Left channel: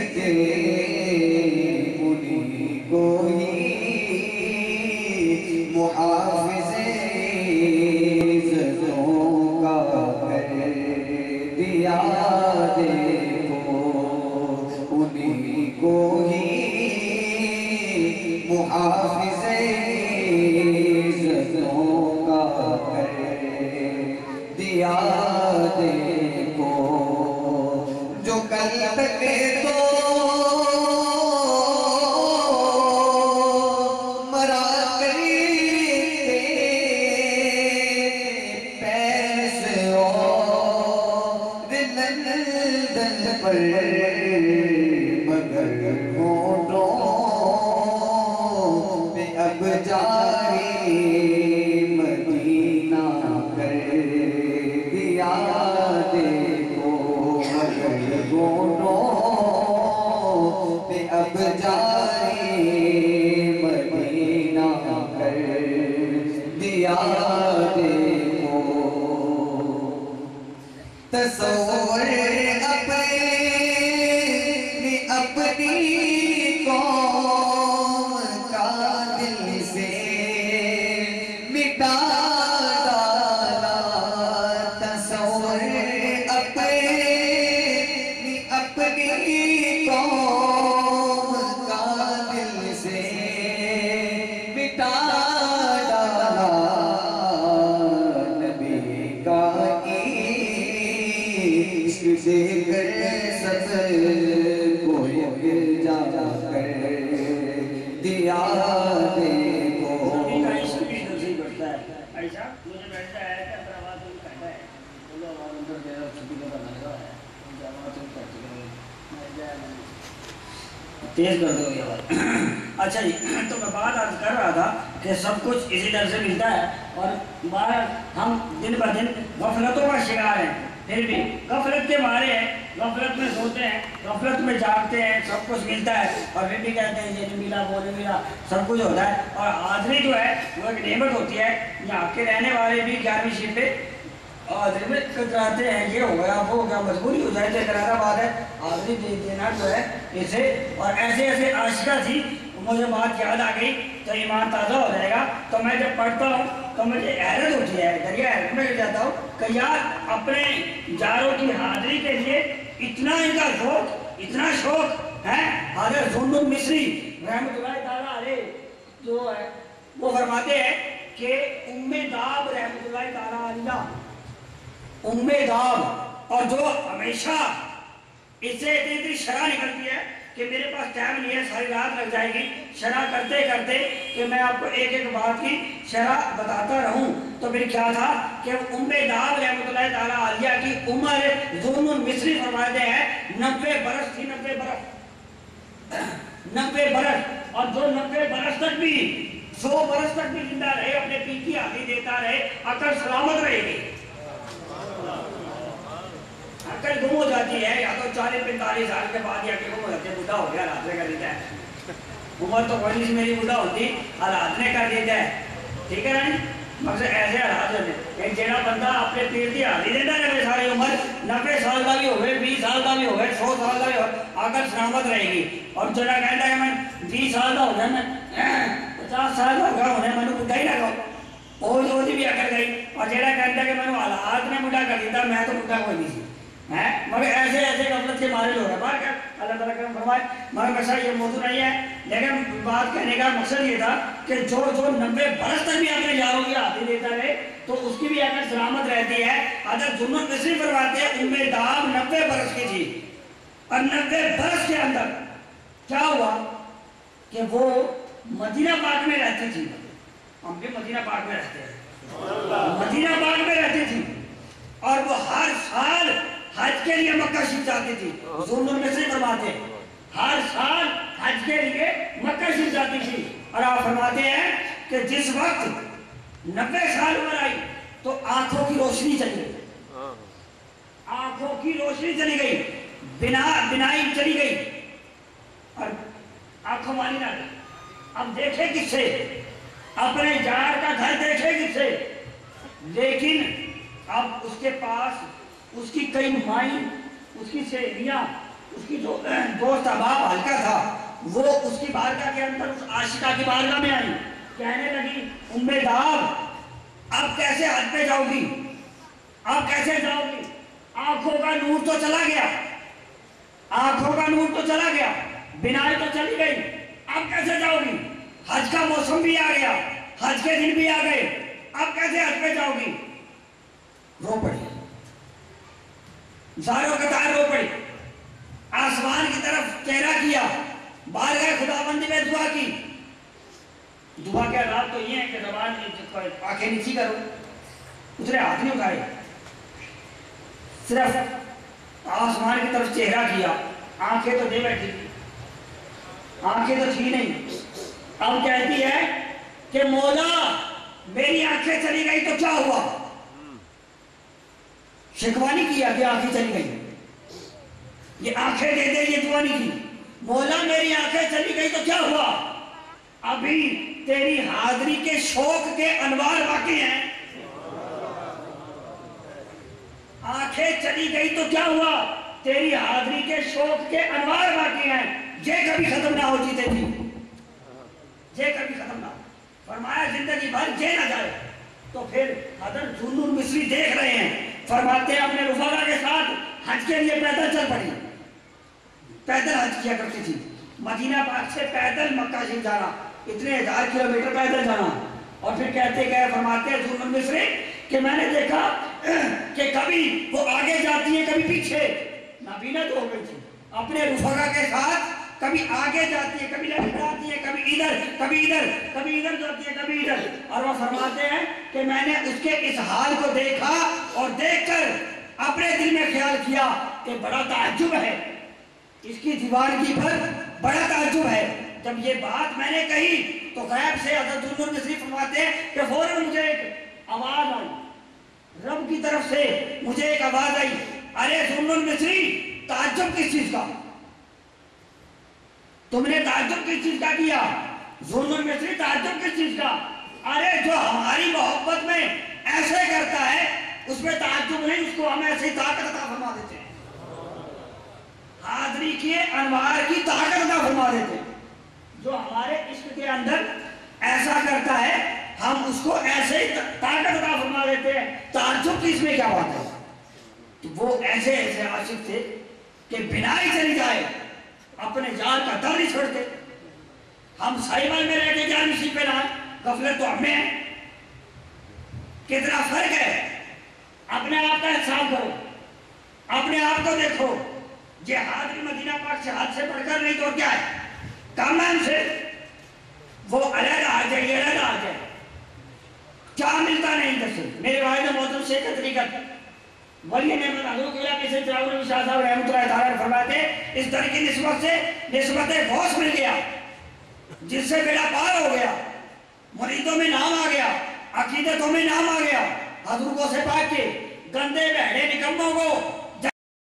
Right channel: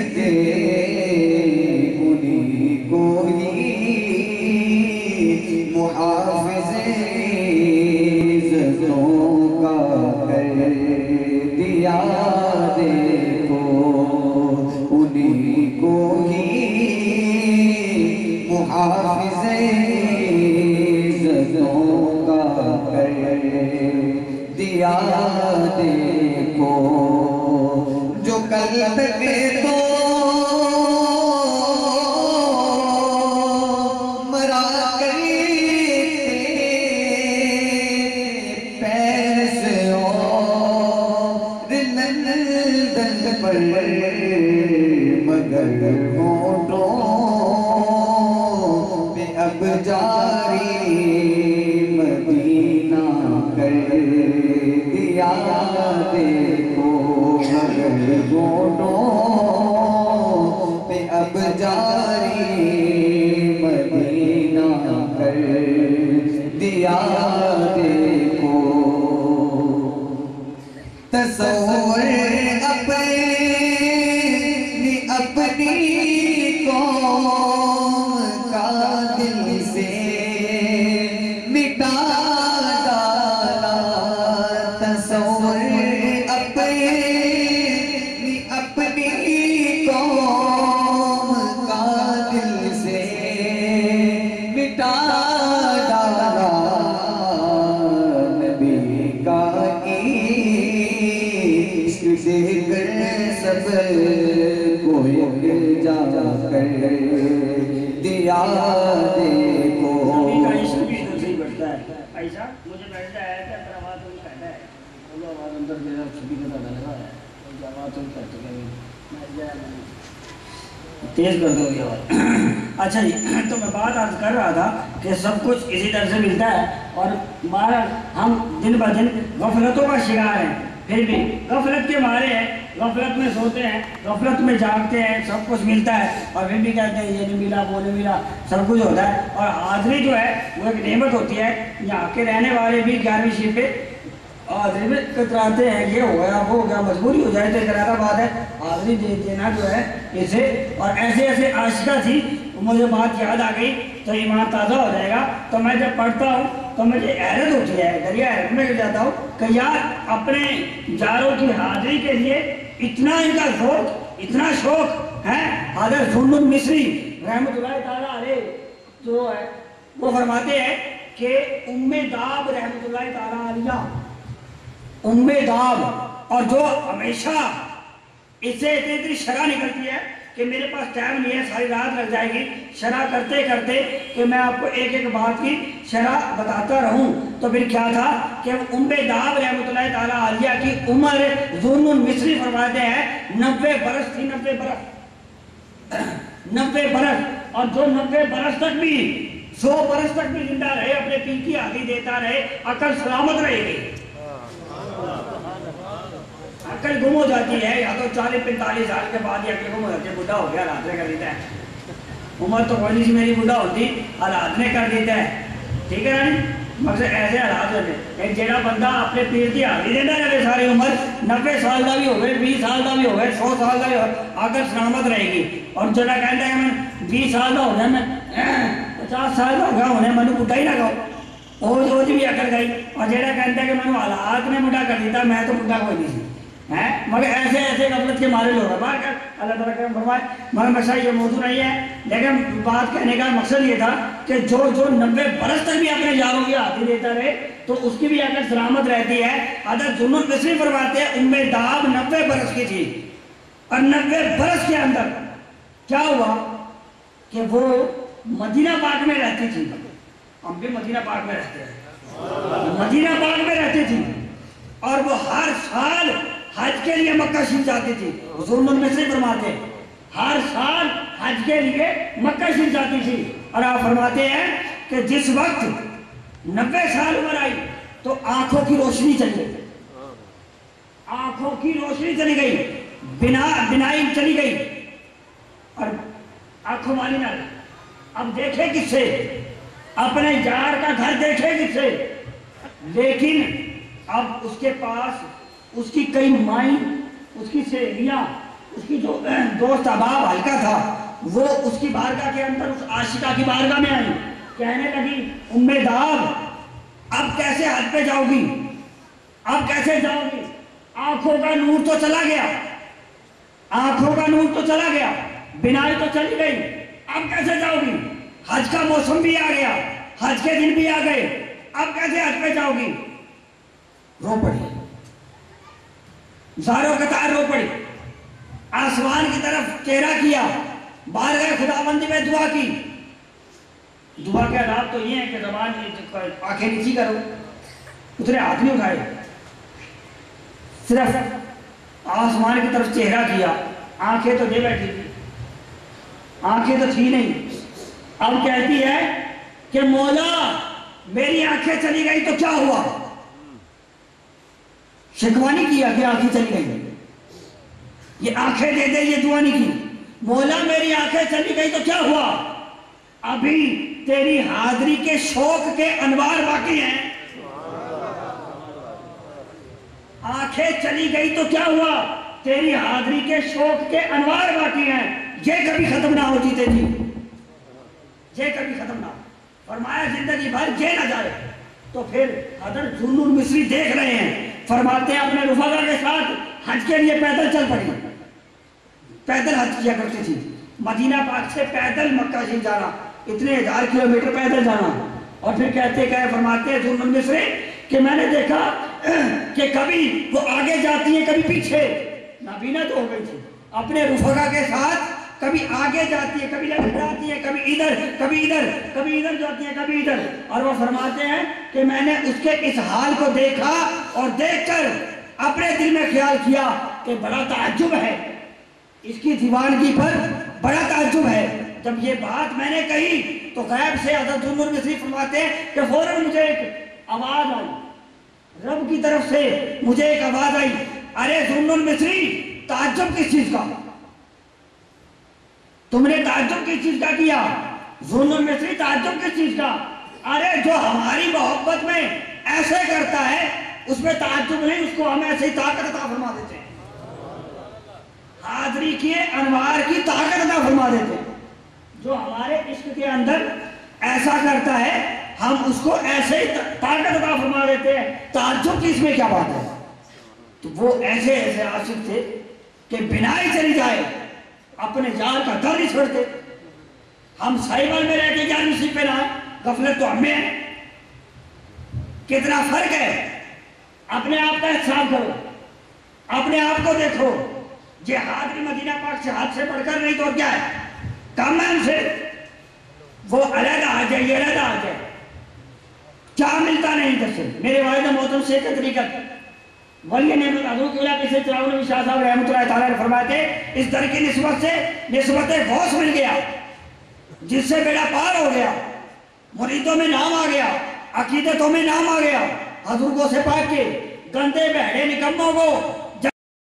سکے انہی کو ہی محافظ عزتوں کا کر دیا دیکھو انہی کو ہی محافظ عزتوں کا کر دیا دیکھو جو کل تک تو مرا کرتے پیرس اور لندن پر مگر ہونٹوں پہ اب جاری مدینہ کر دیا دیکھو مگر ہونٹوں پہ اب جاری مدینہ کر دیا دیکھو تصور اپنی قوم کا دل سے مٹا ڈالا تصور اپنی قوم کا دل سے مٹا ڈالا نبی کا عشق دیکھ کر سب کو جا کر دیا دیکھو نبی کا عشق بھی دل سے ہی بڑھتا ہے ایسا مجھے بیٹھتا ہے کہ اپنا آواز تم کہتا ہے بولو آواز اندر دے رہا چھپی کے بعد لگا ہے مجھے آواز تم کہتے ہیں تیز کر دو یہ آواز اچھا جی تو میں بات عرض کر رہا تھا کہ سب کچھ اسی طرح سے ملتا ہے اور بہرحال ہم دن بہ دن غفلتوں کا شکار ہیں پھر بھی غفلت کے مارے ہیں غفلت میں سوتے ہیں غفلت میں جاگتے ہیں سب کچھ ملتا ہے اور پھر بھی کہتے ہیں یہ نہیں ملا وہ نہیں ملا سب کچھ ہوتا ہے اور حاضری جو ہے وہ ایک نعمت ہوتی ہے یہاں کے رہنے والے بھی 11ویں شیف پہ حاضری میں کتراتے ہیں یہ ہو گیا وہ ہو گیا مجبوری ہو جائے تو کرارا بات ہے حاضری دینا جو ہے اسے اور ایسے ایسے عاشقہ تھی مجھے بات یاد آ گئی تو ایمان تازہ ہو جائے گا تو میں جب پڑھتا ہوں تو مجھے حیرت ہوتی ہے دریا حیرت میں جاتا ہوں کہ یار اپنے جاروں کی حاضری کے لیے اتنا ان کا ذوق اتنا شوق ہے حضرت ظلم مصری رحمۃ اللہ تعالیٰ علیہ جو ہے وہ فرماتے ہیں کہ ام داب رحمۃ اللہ تعالیٰ علیہ ام داب اور جو ہمیشہ اس سے اتنی شرح نکلتی ہے کہ میرے پاس ٹائم نہیں ہے ساری رات لگ جائے گی شرح کرتے کرتے کہ میں آپ کو ایک ایک بات کی شرح بتاتا رہوں تو پھر کیا تھا کہ ام داب رحمۃ اللہ تعالیٰ علیہ کی عمر ظلم مصری فرماتے ہیں 90 برس تھی 90 برس اور جو 90 برس تک بھی 100 برس تک بھی زندہ رہے اپنے پیر کی حاضری دیتا رہے عقل سلامت رہے گی عقل گم ہو جاتی ہے یا تو 40-45 سال کے بعد یا کہ گم ہو جاتی ہے بڑھا ہو گیا حاضرے کر دیتا ہے عمر تو کوئی نہیں میری بڑھا ہوتی حاضرے کر دیتا ہے ٹھیک ہے نا مقصد ایسے حالات ہوتے ہیں جیڑا بندہ اپنے پیر کی حاضری دینا رہے ساری عمر 90 سال کا بھی ہو گئے 20 سال کا بھی ہو گئے 100 سال کا بھی ہو عقل سلامت رہے گی اور جڑا کہتا ہے میں 20 سال کا ہو گیا میں 50 سال کا ہو گیا ہونے میں بڑھا ہی نہ کہو وہ بھی عقل گئی اور جیڑا کہتا ہے کہ میں حالات نے بڑھا کر دیتا میں تو بڑھا کوئی نہیں سی مگر ایسے ایسے غفلت کے مارے لوگ ہیں بار کر اللہ تعالیٰ کرم فرمائے مگر مسئلہ یہ موضوع نہیں ہے لیکن بات کہنے کا مقصد یہ تھا کہ جو 90 برس تک بھی اپنے یاروں کی حاضری دیتا رہے تو اس کی بھی عقل سلامت رہتی ہے حضرت ظلم مصری فرماتے ہیں ام داب 90 برس کی تھی اور 90 برس کے اندر کیا ہوا کہ وہ مدینہ پاک میں رہتی تھی ہم بھی مدینہ پاک میں رہتے ہیں مدینہ پاک میں رہتی تھی اور وہ ہر سال حج کے لیے مکہ شریف جاتی تھی ظلم مصری فرماتے ہیں ہر سال حج کے لیے مکہ شریف جاتی تھی اور آپ فرماتے ہیں کہ جس وقت 90 سال عمر آئی تو آنکھوں کی روشنی چلی گئی آنکھوں کی روشنی چلی گئی بینائی چلی گئی اور آنکھوں والی نہ رہی اب دیکھے کس سے اپنے یار کا گھر دیکھے کس سے لیکن اب اس کے پاس اس کی کئی مائیں اس کی سہیلیاں اس کی جو دوست احباب حلقہ تھا وہ اس کی بارگاہ کے اندر اس عاشقہ کی بارگاہ میں آئی، کہنے لگی ام داد اب کیسے حج پہ جاؤ گی، اب کیسے جاؤ گی، آنکھوں کا نور تو چلا گیا، آنکھوں کا نور تو چلا گیا، بینائی تو چلی گئی، اب کیسے جاؤ گی، حج کا موسم بھی آ گیا، حج کے دن بھی آ گئے، اب کیسے حج پہ جاؤ گی؟ رو پڑی، زاروں قطار رو پڑی، آسمان کی طرف چہرہ کیا، بارگاہ خداوندی میں دعا کی۔ دعا کے آداب تو یہ ہے کہ زبان آنکھیں نیچی کرو، اتنے ہاتھ نہیں اٹھائے، صرف آسمان کی طرف چہرہ کیا، آنکھیں تو دے بیٹھی تھی، آنکھیں تو تھی نہیں۔ اب کہتی ہے کہ مولا میری آنکھیں چلی گئی تو کیا ہوا؟ شکوہ نہیں کیا کہ آنکھیں چلی گئی، یہ آنکھیں دے دے، یہ دعا نہیں کی، مولا میری آنکھیں چلی گئی تو کیا ہوا؟ ابھی تیری حاضری کے شوق کے انوار باقی ہیں۔ آنکھیں چلی گئی تو کیا ہوا؟ تیری حاضری کے شوق کے انوار باقی ہیں، یہ کبھی ختم نہ ہو جیتے جی، یہ کبھی ختم نہ ہو۔ فرمایا زندگی بھر یہ نہ جائے۔ تو پھر حضرت ذوالنور مصری دیکھ رہے ہیں، فرماتے ہیں اپنے رفقا کے ساتھ حج کے لیے پیدل چل پڑی، پیدل حج کیا کرتی تھی، مدینہ پاک سے پیدل مکہ شریف جانا، اتنے 1000 کلومیٹر پیدل جانا۔ اور پھر کہتے گئے، فرماتے ہیں ذوالنور مصری کہ میں نے دیکھا کہ کبھی وہ آگے جاتی ہیں کبھی پیچھے، نابینا تو ہو گئی تھی، اپنے رفقا کے ساتھ کبھی آگے جاتی ہے، کبھی لڑکھڑاتی ہے، کبھی ادھر کبھی ادھر، کبھی ادھر جاتی ہے کبھی ادھر۔ اور وہ فرماتے ہیں کہ میں نے اس کے اس حال کو دیکھا اور دیکھ کر اپنے دل میں خیال کیا کہ بڑا تعجب ہے، اس کی دیوانگی پر بڑا تعجب ہے۔ جب یہ بات میں نے کہی تو غیب سے حضرت ذوالنور مصری فرماتے ہیں کہ فوراً مجھے ایک آواز آئی، رب کی طرف سے مجھے ایک آواز آئی، ارے ذوالنور مصری تعجب کس چیز کا، تم نے تعجب کس چیز کا کیا؟ ذوالنور مصری تعجب کس چیز کا؟ ارے جو ہماری محبت میں ایسے کرتا ہے اس میں تعجب نہیں، اس کو ہم ایسے ہی طاقت عطا فرما دیتے ہیں، حاضری کے انوار کی طاقت عطا فرما دیتے ہیں۔ جو ہمارے عشق کے اندر ایسا کرتا ہے ہم اس کو ایسے ہی طاقت عطا فرما دیتے ہیں، تعجب کی اس میں کیا بات ہے؟ تو وہ ایسے ایسے عاشق تھے کہ بینائی چلی جائے اپنے یار کا در نہیں چھوڑتے۔ ہم سائبر میں رہ کے جان نصیب پہ لائیں، غفلت تو ہمیں ہے۔ کتنا فرق ہے، اپنے آپ کا احتساب کرو، اپنے آپ کو دیکھو، یہ حاضری مدینہ پاک سے ہاتھ سے پڑھ کر نہیں تو کیا ہے، کام ہے ہم سے، وہ علیحدہ آ جائے، یہ علیحدہ آ جائے، کیا ملتا نہیں ادھر سے۔ میرے والد محترم شیخ طریقت ولی نعمت حضور کے علاقے سے چراغ نبی شاہ صاحب رحمۃ اللہ تعالیٰ فرماتے اس در کی نسبت سے نسبت غوث مل گیا، جس سے بیڑا پار ہو گیا، مریدوں میں نام آ گیا، عقیدتوں میں نام آ گیا، حضور کو سے پاک کے گندے بہڑے نکموں کو